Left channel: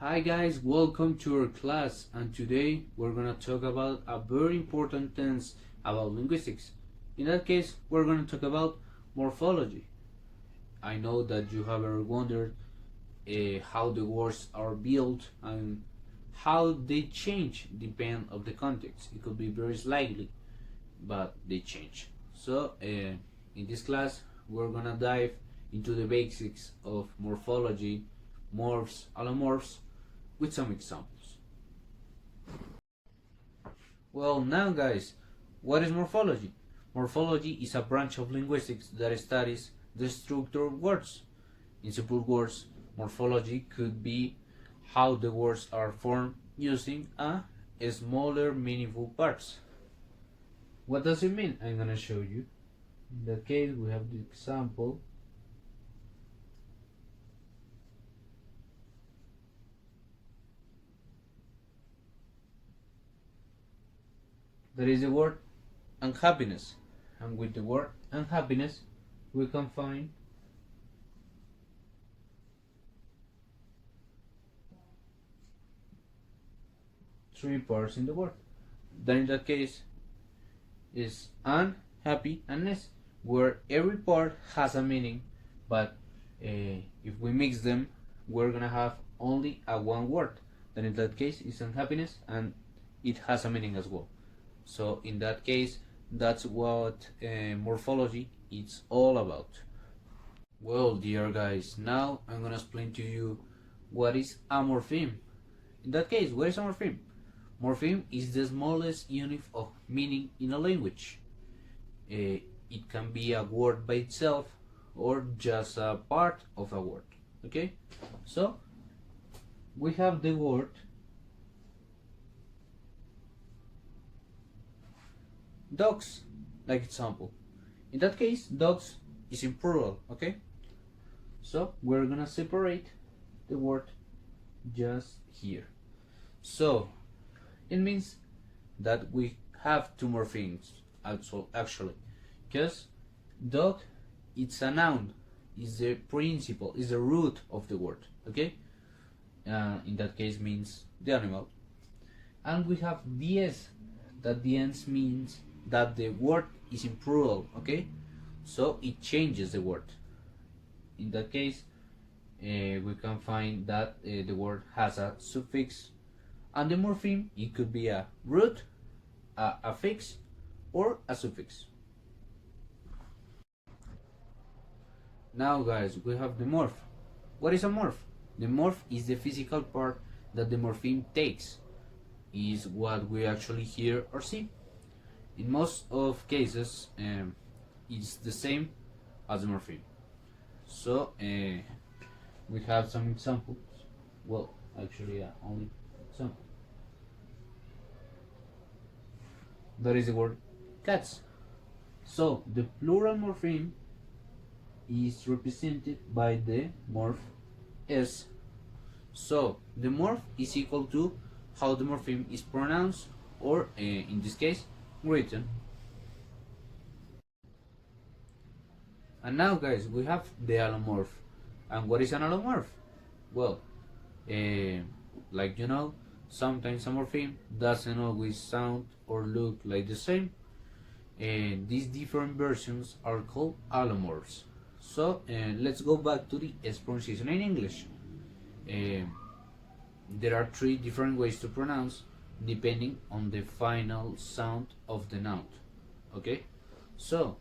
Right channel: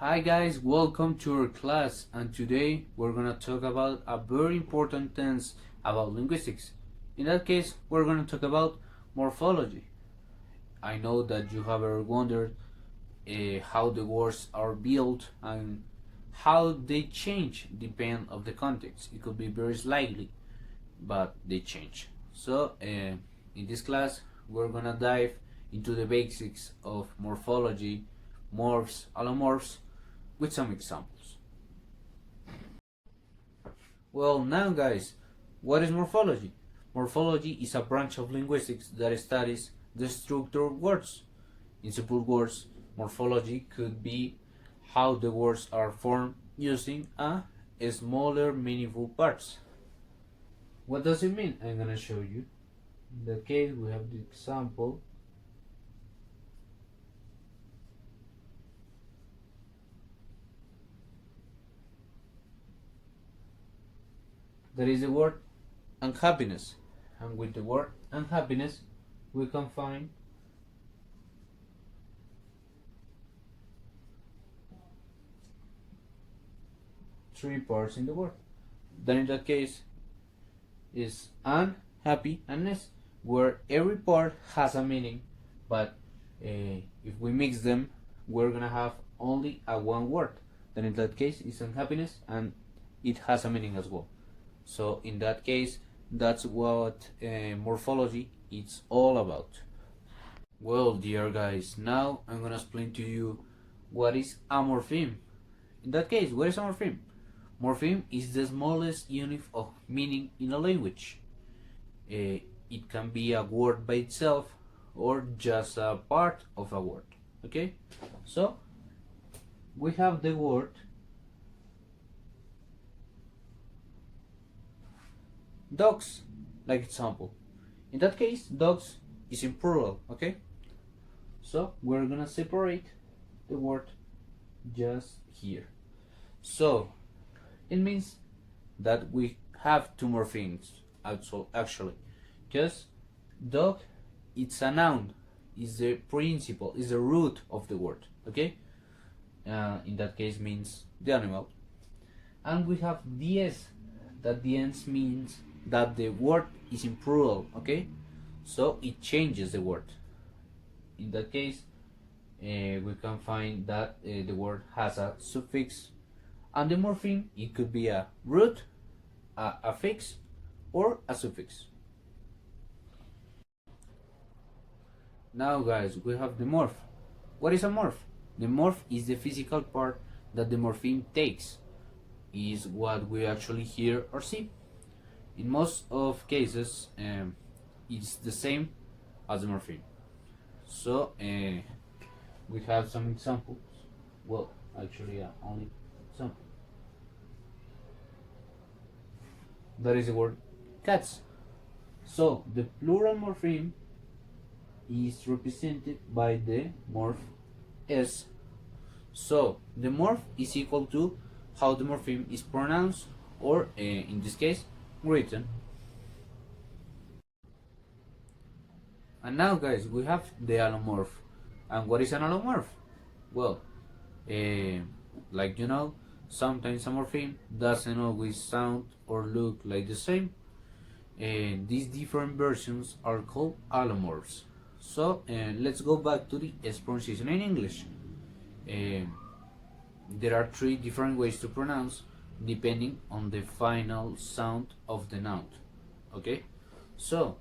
Hi guys, welcome to our class, and today we're gonna talk about a very important tense about linguistics. In that case, we're gonna talk about morphology. I know that you have ever wondered how the words are built and how they change depend of the context. It could be very slightly, but they change. So in this class, we're gonna dive into the basics of morphology, morphs, allomorphs, with some examples. Well, now guys, what is morphology? Morphology is a branch of linguistics that studies the structure of words. In simple words, morphology could be how the words are formed using a smaller meaningful parts. What does it mean? I'm gonna show you. In that case, we have the example. There is the word unhappiness, and with the word unhappiness we can find three parts in the word. Then in that case is unhappy and ness, where every part has a meaning, but if we mix them we're gonna have only a one word. Then in that case is unhappiness and it has a meaning as well. So in that case, that's what morphology is all about. Well, dear guys, now I'm gonna explain to you what is a morpheme. In that case, what is a morpheme? Morpheme is the smallest unit of meaning in a language. It can be a word by itself or just a part of a word. Okay? So we have the word dogs, like example. In that case, dogs is in plural, okay? So we're gonna separate the word just here. So it means that we have two more things actually, because dog, it's a noun, is the principle, is the root of the word, okay? In that case means the animal. And we have ds, that ds means that the word is in plural, okay? So it changes the word. In that case, we can find that the word has a suffix, and the morpheme, it could be a root, a affix, or a suffix. Now guys, we have the morph. What is a morph? The morph is the physical part that the morpheme takes, is what we actually hear or see. In most of cases, it's the same as the morpheme. So we have some examples. Well, actually, only example. That is the word cats. So the plural morpheme is represented by the morph s. So the morph is equal to how the morpheme is pronounced, or in this case, written. And now guys, we have the allomorph. And what is an allomorph? Well, like you know, sometimes a morpheme doesn't always sound or look like the same, and these different versions are called allomorphs. So let's go back to the S pronunciation in English. There are three different ways to pronounce depending on the final sound of the noun. Okay, so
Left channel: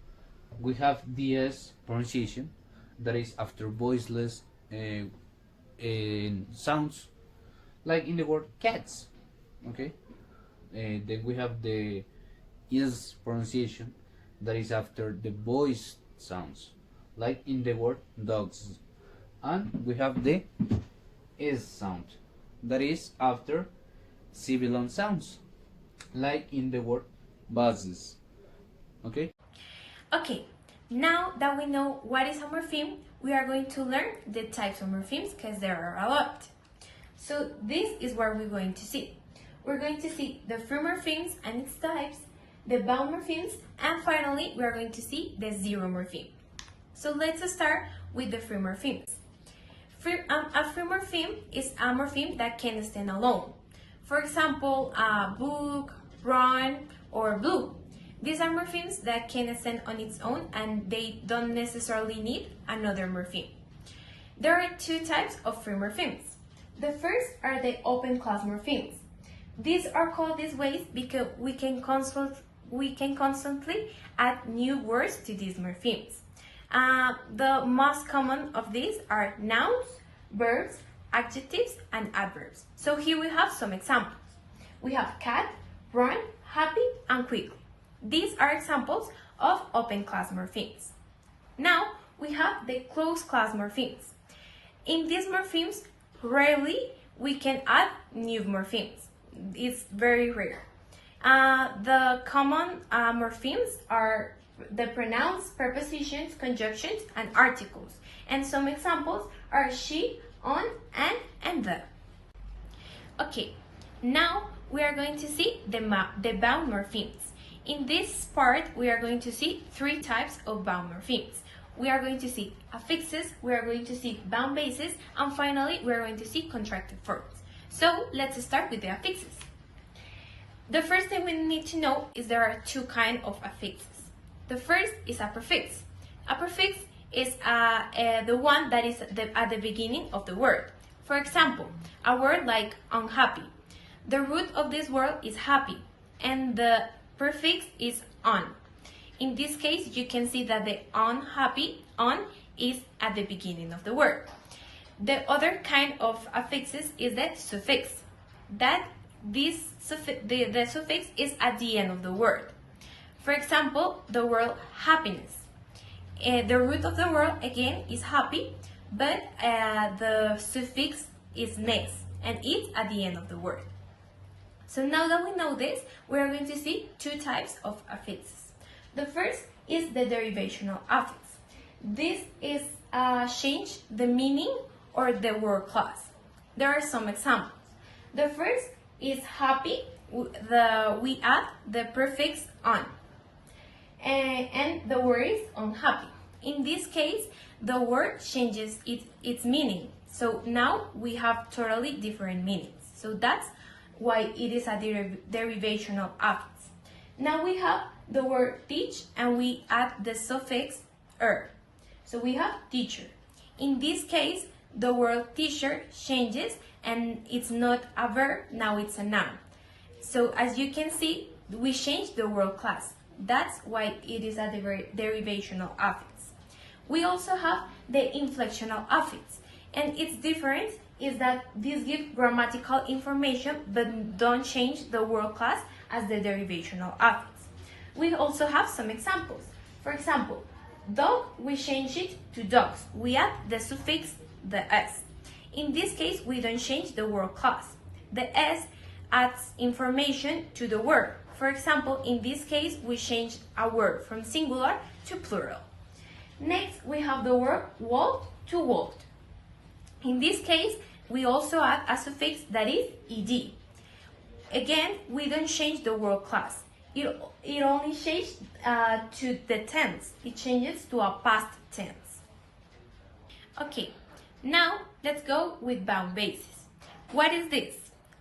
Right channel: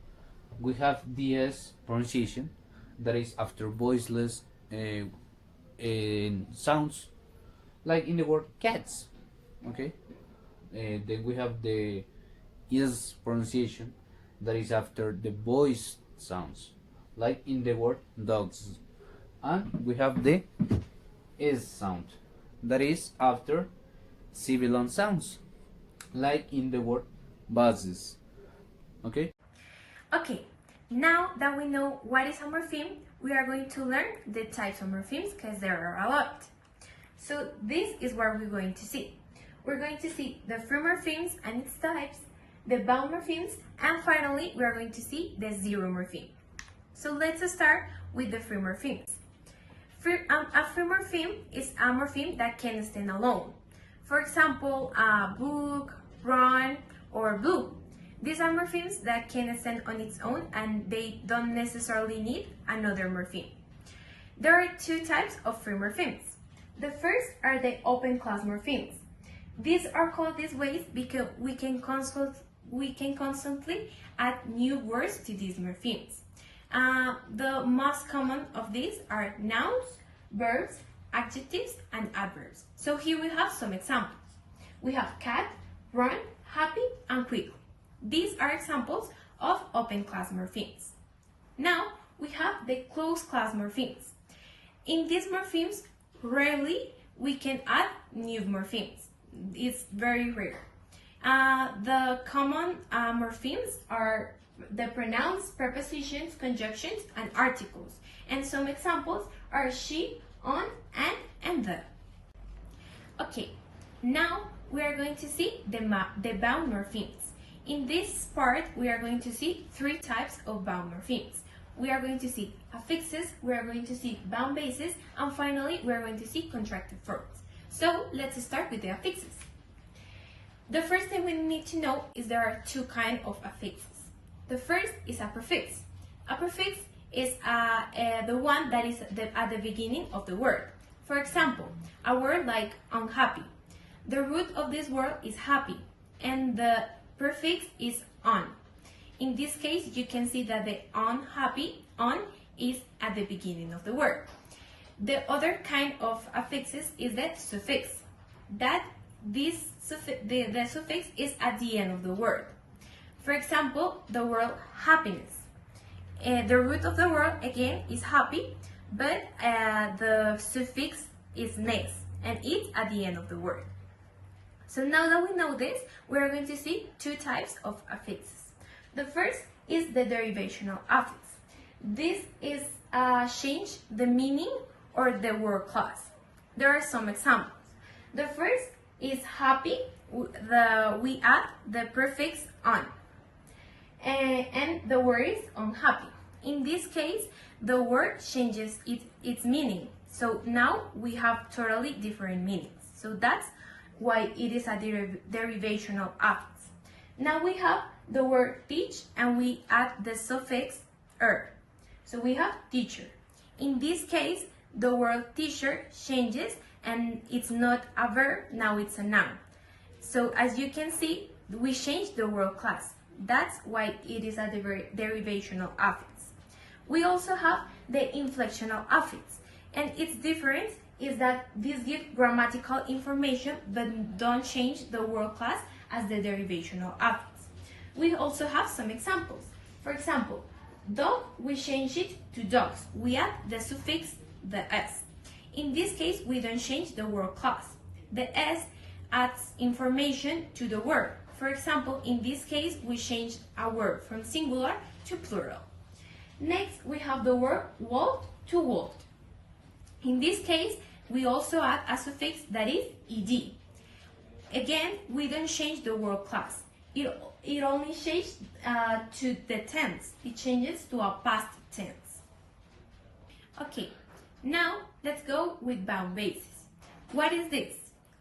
we have the S pronunciation, that is after voiceless sounds, like in the word cats. Okay, then we have the is pronunciation, that is after the voice sounds, like in the word dogs. And we have the is sound, that is after sibilant sounds, like in the word buses. Okay? Okay, now that we know what is a morpheme, we are going to learn the types of morphemes, because there are a lot. So this is what we're going to see. We're going to see the free morphemes and its types, the bound morphemes, and finally we are going to see the zero morpheme. So let's start with the free morphemes. A free morpheme is a morpheme that can stand alone. For example, book, run, or blue. These are morphemes that can stand on its own and they don't necessarily need another morpheme. There are two types of free morphemes. The first are the open class morphemes. These are called these ways because we can constantly add new words to these morphemes. The most common of these are nouns, verbs, adjectives, and adverbs. So here we have some examples. We have cat, run, happy, and quickly. These are examples of open class morphemes. Now we have the closed class morphemes. In these morphemes, rarely we can add new morphemes. It's very rare. The common morphemes are the pronouns, prepositions, conjunctions, and articles. And some examples are she, on, and the. Okay, now we are going to see the bound morphemes. In this part, we are going to see three types of bound morphemes. We are going to see affixes, we are going to see bound bases, and finally, we are going to see contracted forms. So, let's start with the affixes. The first thing we need to know is there are two kinds of affixes. The first is a prefix. A prefix is the one that is at the beginning of the word. For example, a word like unhappy. The root of this word is happy, and the prefix is on. In this case, you can see that the unhappy, on, is at the beginning of the word. The other kind of affixes is the suffix. The suffix is at the end of the word. For example, the word happiness. The root of the word, again, is happy, but the suffix is ness, and it's at the end of the word. So now that we know this, we are going to see two types of affixes. The first is the derivational affix. This is change the meaning or the word class. There are some examples. The first is happy. We add the prefix on, and the word is unhappy. In this case, the word changes its meaning. So now we have totally different meanings. So that's why it is a derivational affix. Now we have the word teach and we add the suffix er. So we have teacher. In this case, the word teacher changes and it's not a verb, now it's a noun. So as you can see, we changed the word class. That's why it is a derivational affix. We also have the inflectional affix, and its difference is that these give grammatical information but don't change the word class as the derivational affix. We also have some examples. For example, dog, we change it to dogs. We add the suffix, the s. In this case, we don't change the word class. The s adds information to the word. For example, in this case, we change a word from singular to plural. Next, we have the word walk to walked. In this case, we also add a suffix that is ed. Again, we don't change the word class. It only changes to the tense. It changes to a past tense. Okay, now let's go with bound bases. What is this?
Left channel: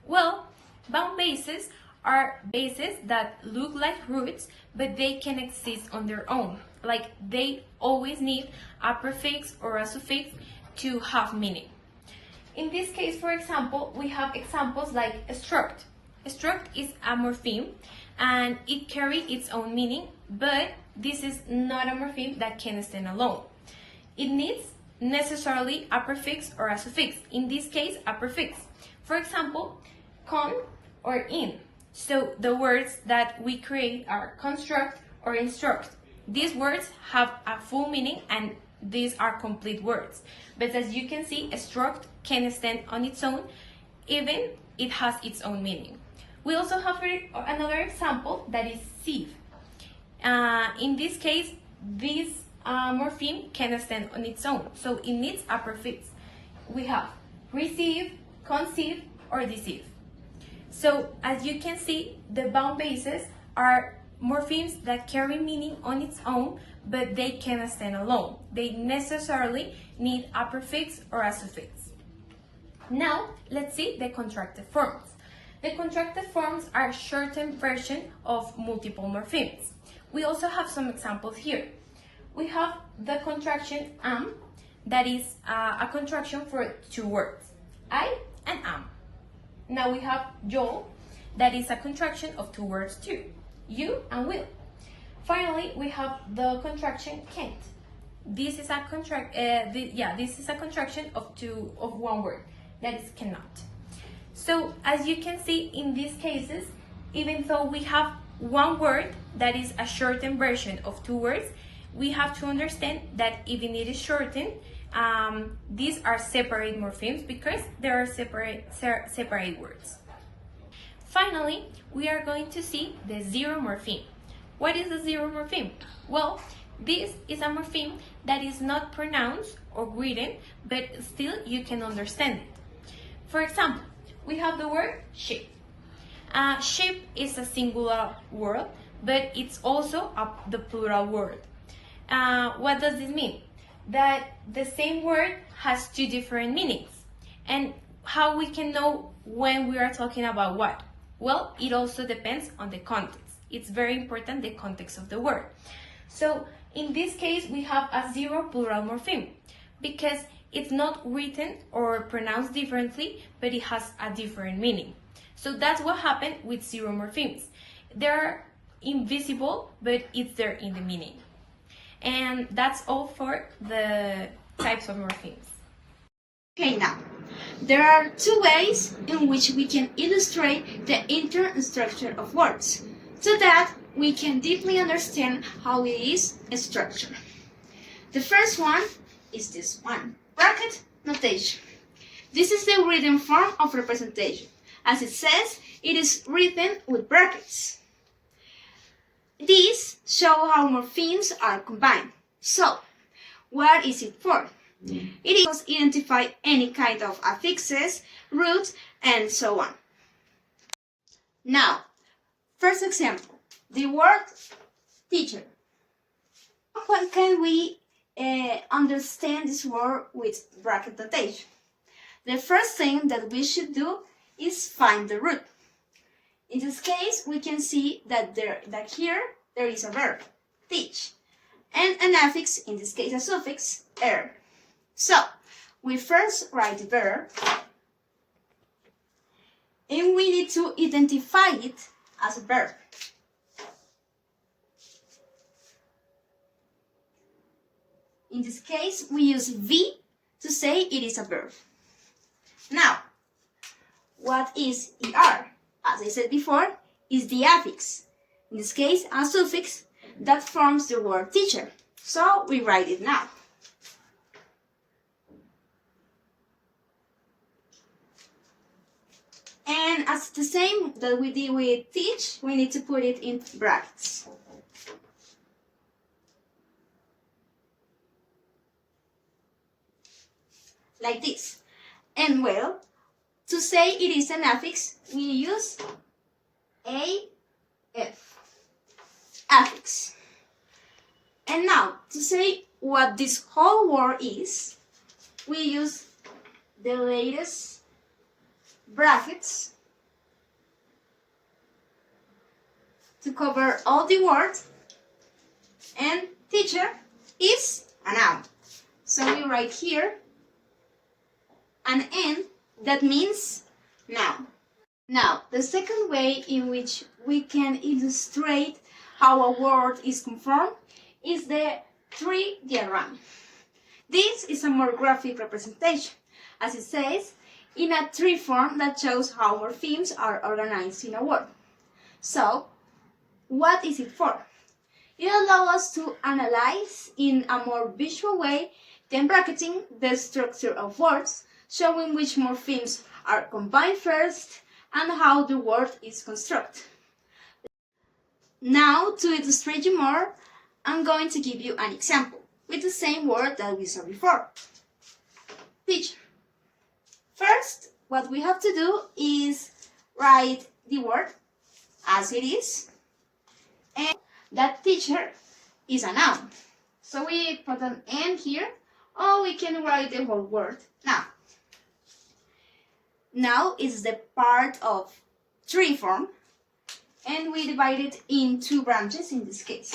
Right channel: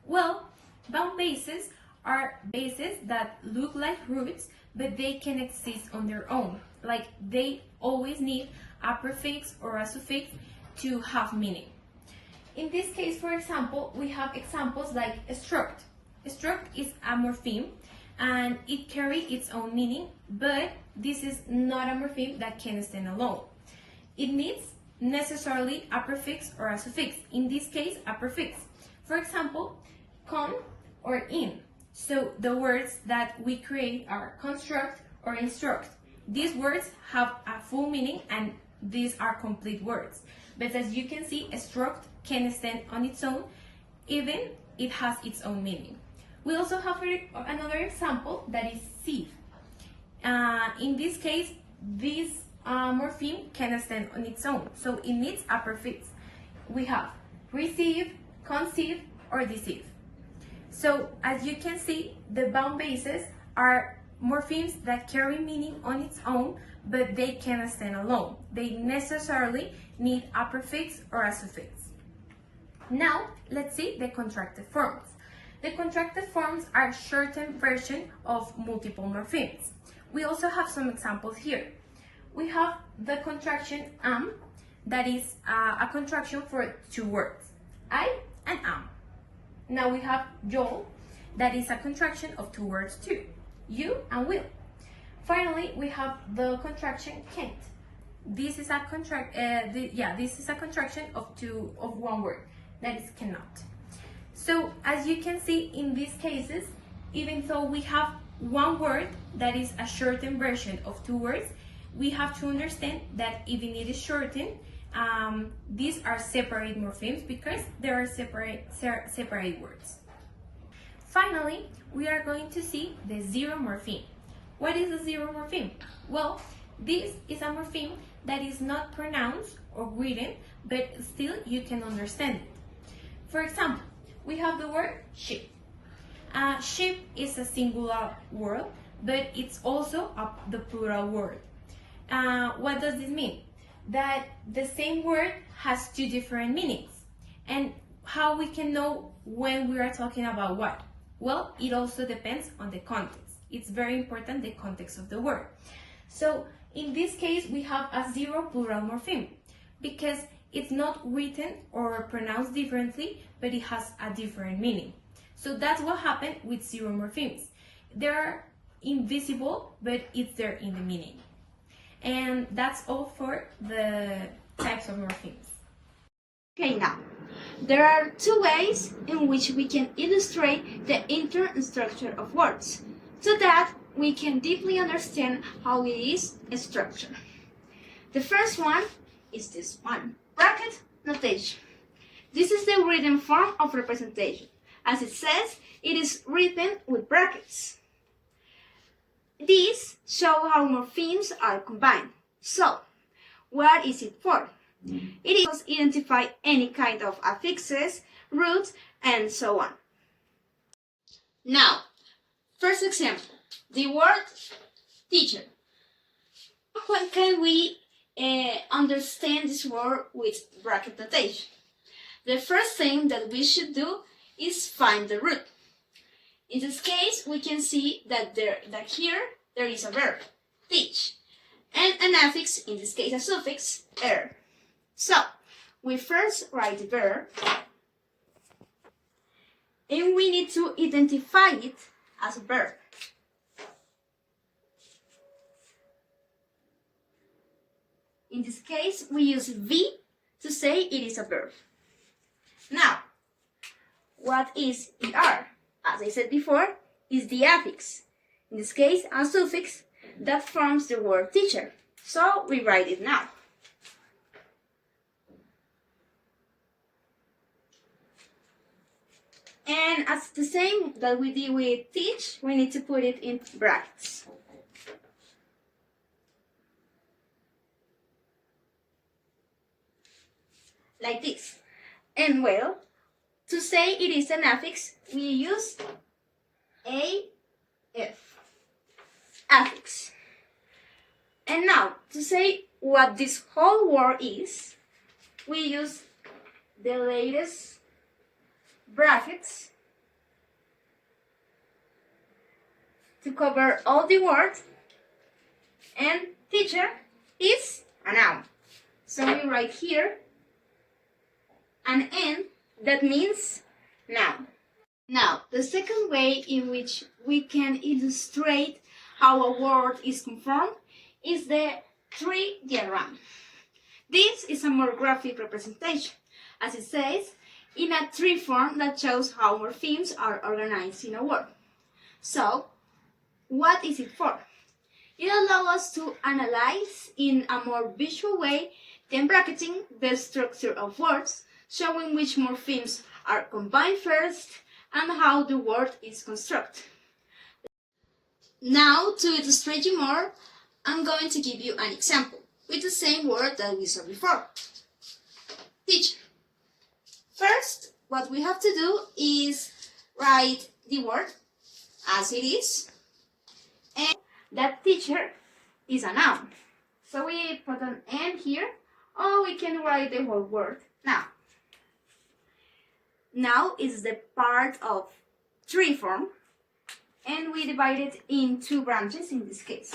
Well, bound bases are bases that look like roots, but they can exist on their own. Like they always need a prefix or a suffix to have meaning. In this case, for example, we have examples like struct. Struct is a morpheme and it carries its own meaning, but this is not a morpheme that can stand alone. It needs necessarily a prefix or a suffix. In this case, a prefix. For example, con or in. So the words that we create are construct or instruct. These words have a full meaning and these are complete words. But as you can see, struct can stand on its own, even it has its own meaning. We also have another example that is sieve. In this case, this morpheme can stand on its own, so it needs a prefix. We have receive, conceive, or deceive. So as you can see, the bound bases are morphemes that carry meaning on its own, but they cannot stand alone. They necessarily need a prefix or a suffix. Now, let's see the contracted forms. The contracted forms are shortened version of multiple morphemes. We also have some examples here. We have the contraction that is a contraction for two words, I and am. Now we have yo, that is a contraction of two words too, you and will. Finally, we have the contraction can't. This is a this is a contraction of one word, that is cannot. So as you can see in these cases, even though we have one word that is a shortened version of two words, we have to understand that even it is shortened, these are separate morphemes because there are separate words. Finally, we are going to see the zero morpheme. What is a zero morpheme? Well, this is a morpheme that is not pronounced or written, but still you can understand it. For example, we have the word sheep. Sheep is a singular word, but it's also the plural word. What does this mean? That the same word has two different meanings. And how we can know when we are talking about what? Well, it also depends on the context. It's very important, the context of the word. So in this case, we have a zero plural morpheme because it's not written or pronounced differently, but it has a different meaning. So that's what happened with zero morphemes. They're invisible, but it's there in the meaning. And that's all for the types of morphemes. Okay, now, there are two ways in which we can illustrate the internal structure of words, so that we can deeply understand how it is structured. The first one is this one, bracket notation. This is the written form of representation. As it says, it is written with brackets. These show how morphemes are combined. So, what is it for? It is to identify any kind of affixes, roots, and so on. Now, first example, the word teacher. How can we understand this word with bracket notation? The first thing that we should do is find the root. In this case, we can see that here there is a verb, teach, and an affix, in this case a suffix, er. So, we first write the verb, and we need to identify it as a verb. In this case, we use V to say it is a verb. Now, what is ER? As I said before, is the affix. In this case, a suffix that forms the word teacher. So we write it now. And as the same that we did with teach, we need to put it in brackets. Like this. And well, to say it is an affix, we use AF, affix. And now, to say what this whole word is, we use the latest brackets to cover all the words, and teacher is a noun. So we write here an N that means noun. Now, the second way in which we can illustrate how a word is conformed is the tree diagram. This is a more graphic representation, as it says, in a tree form that shows how morphemes are organized in a word. So, what is it for? It allows us to analyze in a more visual way than bracketing the structure of words, showing which morphemes are combined first and how the word is constructed. Now, to illustrate you more, I'm going to give you an example with the same word that we saw before. Teacher. First, what we have to do is write the word as it is, and that teacher is a noun. So we put an N here, or we can write the whole word. Now is the part of tree form, and we divide it in two branches in this case.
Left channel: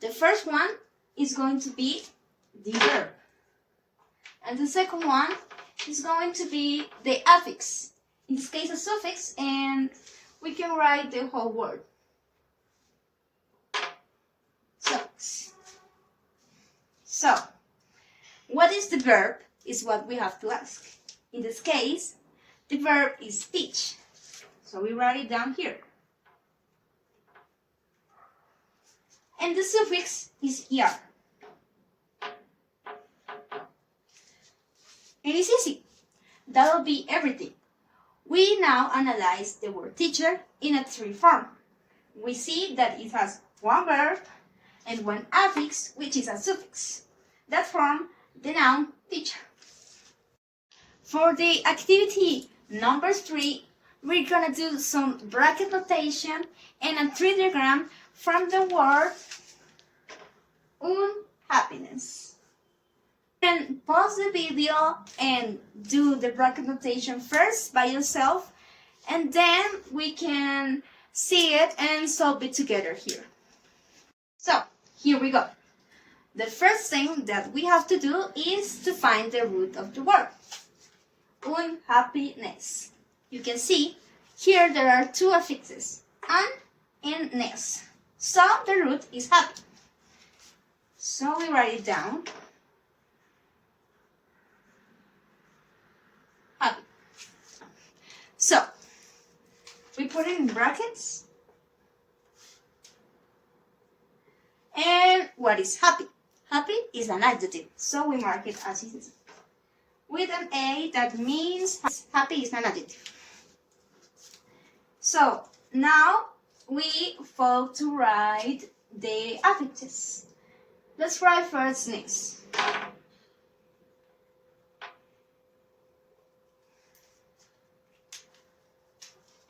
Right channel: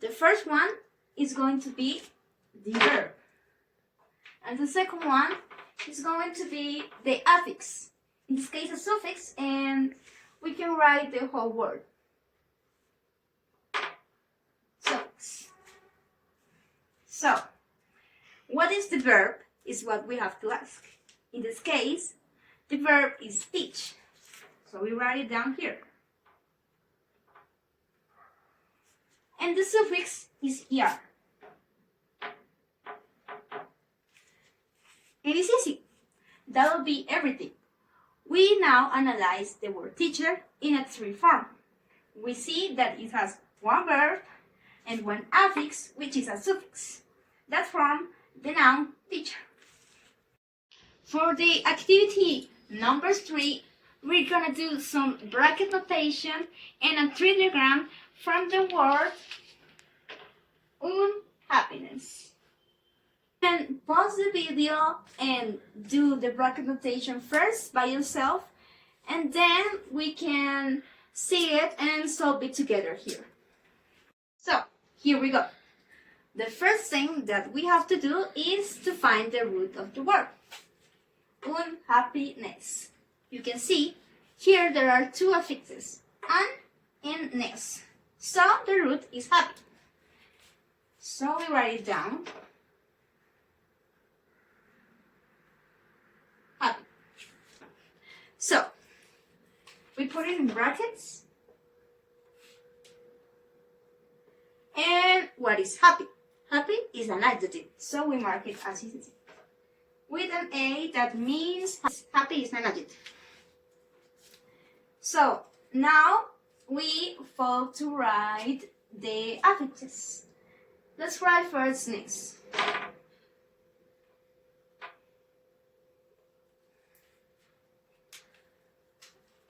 The first one is going to be the verb, and the second one is going to be the affix, in this case a suffix, and we can write the whole word. Suffix. So, what is the verb is what we have to ask. In this case, the verb is teach. So we write it down here. And the suffix is er. It is easy. That will be everything. We now analyze the word teacher in a tree form. We see that it has one verb and one affix, which is a suffix. That form the noun teacher. For the activity number 3, we're gonna do some bracket notation and a tree diagram from the word unhappiness. You can pause the video and do the bracket notation first by yourself, and then we can see it and solve it together here. So, here we go. The first thing that we have to do is to find the root of the word. Unhappiness. You can see here there are two affixes, un and ness. So the root is happy. So we write it down. Happy. So we put it in brackets. And what is happy? Happy is an adjective, so we mark it as it is. With an A, that means happy is an adjective. So now we fall to write the affixes. Let's write first ness.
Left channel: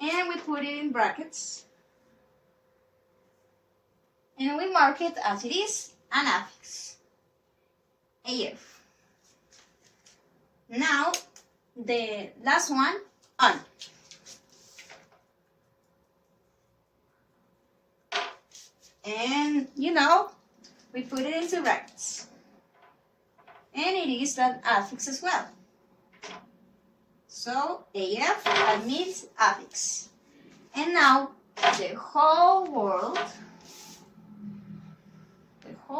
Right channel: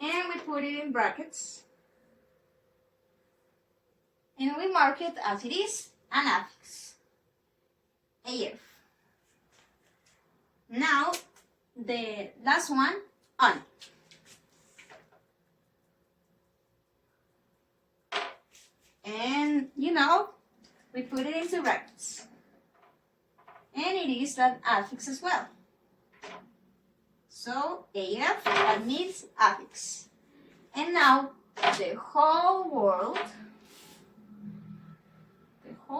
And we put it in brackets. And we mark it as it is, an affix. AF. Now, the last one, on. And, we put it into brackets. And it is an affix as well. So, AF, that means affix. And now, the whole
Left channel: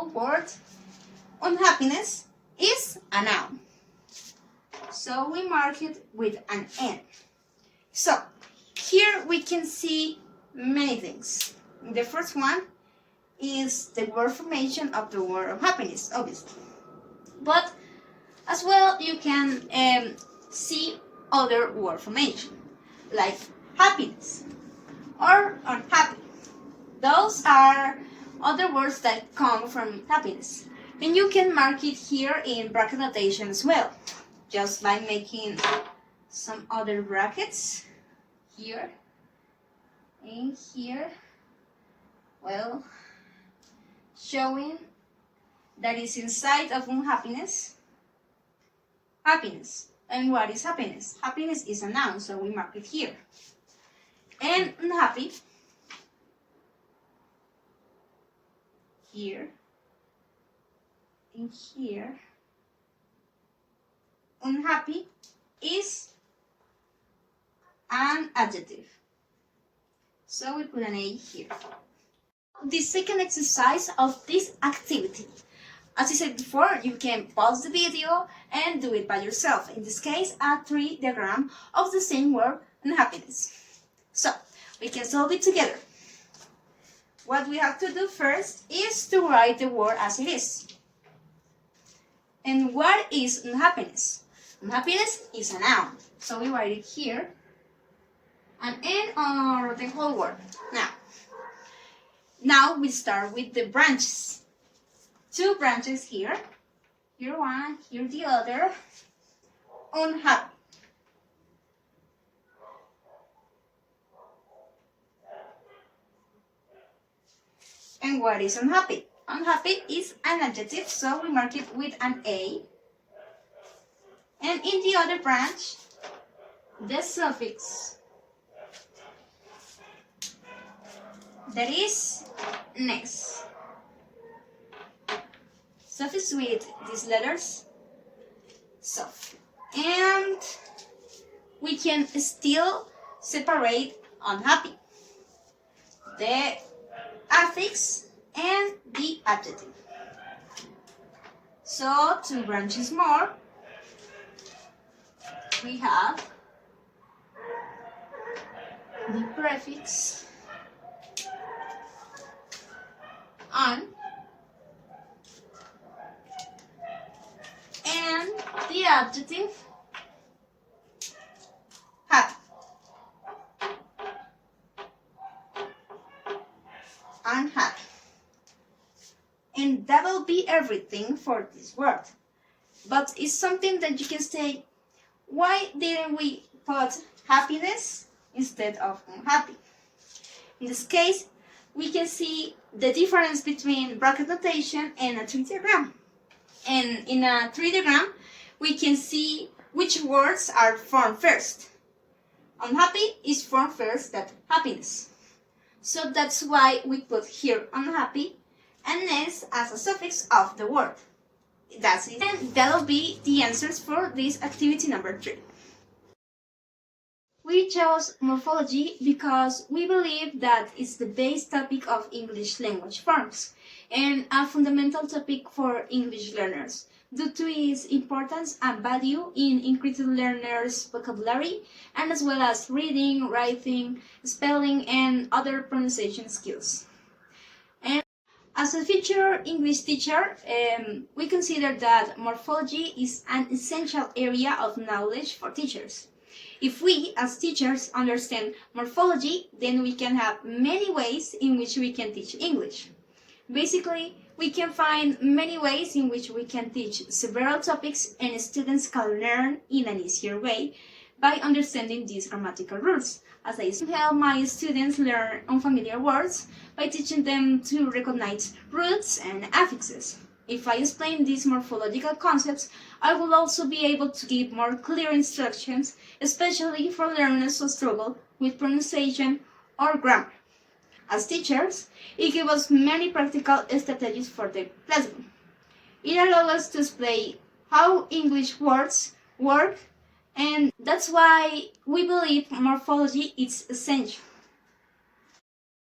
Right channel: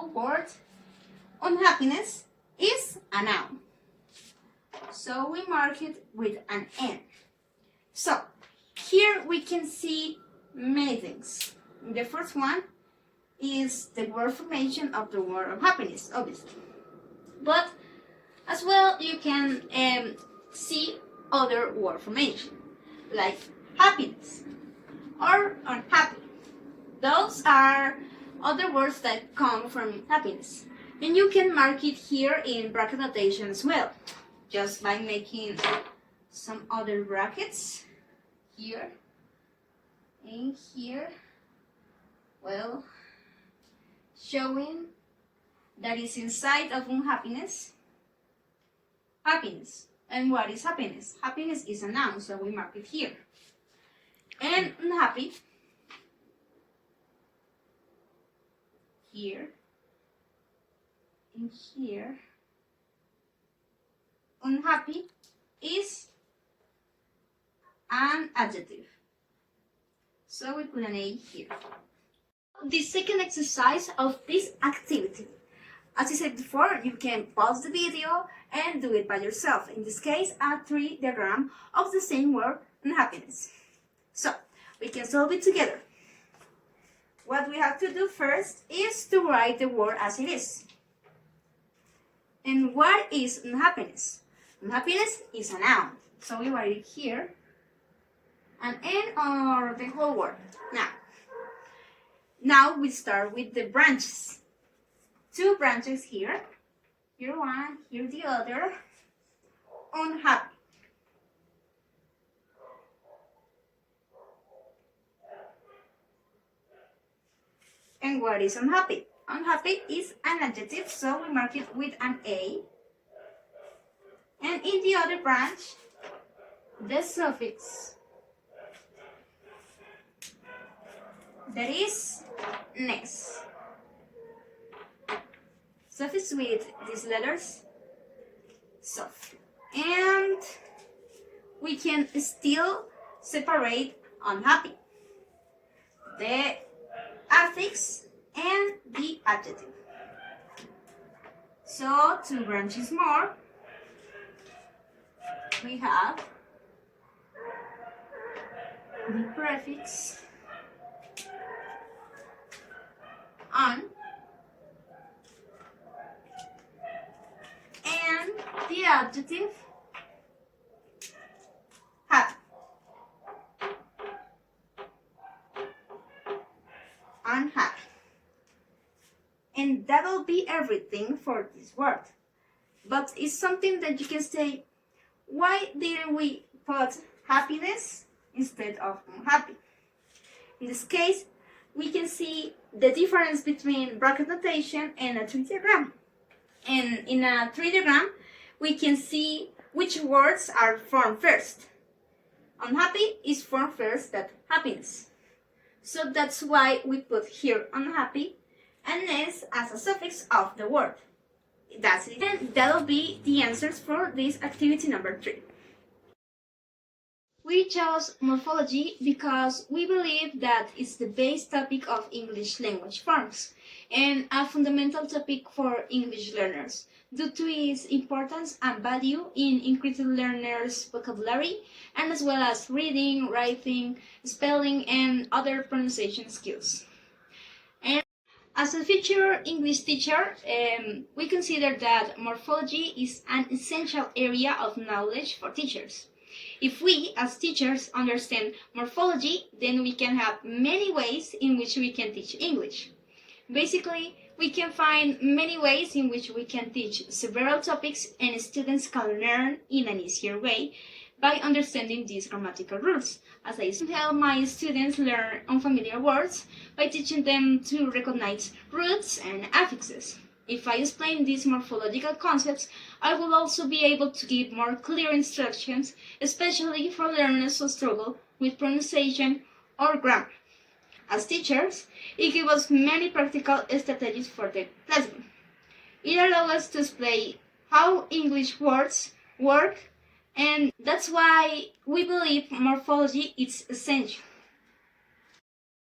word, unhappiness, is a noun. So we mark it with an N. So here we can see many things. The first one is the word formation of the word of happiness, obviously. But as well, you can see other word formation, like happiness or unhappy. Those are other words that come from happiness. And you can mark it here in bracket notation as well, just by making some other brackets here and here, well, showing that is inside of unhappiness, happiness. And what is happiness? Happiness is a noun, so we mark it here. And unhappy, here, and here. Unhappy is an adjective. So we put an A here. The second exercise of this activity. As I said before, you can pause the video and do it by yourself. In this case, a tree diagram of the same word, unhappiness. So, we can solve it together. What we have to do first is to write the word as it is. And what is unhappiness? Unhappiness is a noun. So we write it here. An N or the whole word. Now we start with the branches. Two branches here. Here one, here the other. Unhappy. And what is unhappy? Unhappy is an adjective, so we mark it with an A. And in the other branch, the suffix that is ness. Suffix with these letters, soft. And we can still separate unhappy, the affix, and the adjective. So, 2 branches more. We have the prefix un and the adjective happy. Unhappy. And that'll be everything for this word. But it's something that you can say, why didn't we put happiness instead of unhappy? In this case, we can see the difference between bracket notation and a tree diagram. And in a tree diagram, we can see which words are formed first. Unhappy is formed first than happiness. So that's why we put here unhappy and ness as a suffix of the word. That's it. And that'll be the answers for this activity number 3. We chose morphology because we believe that it's the base topic of English language forms and a fundamental topic for English learners due to its importance and value in increasing learners' vocabulary and as well as reading, writing, spelling, and other pronunciation skills. And as a future English teacher, we consider that morphology is an essential area of knowledge for teachers. If we, as teachers, understand morphology, then we can have many ways in which we can teach English. Basically, we can find many ways in which we can teach several topics and students can learn in an easier way by understanding these grammatical rules. As I help my students learn unfamiliar words by teaching them to recognize roots and affixes. If I explain these morphological concepts, I will also be able to give more clear instructions, especially for learners who struggle with pronunciation or grammar. As teachers, it gives us many practical strategies for the classroom. It allows us to explain how English words work, and that's why we believe morphology is essential.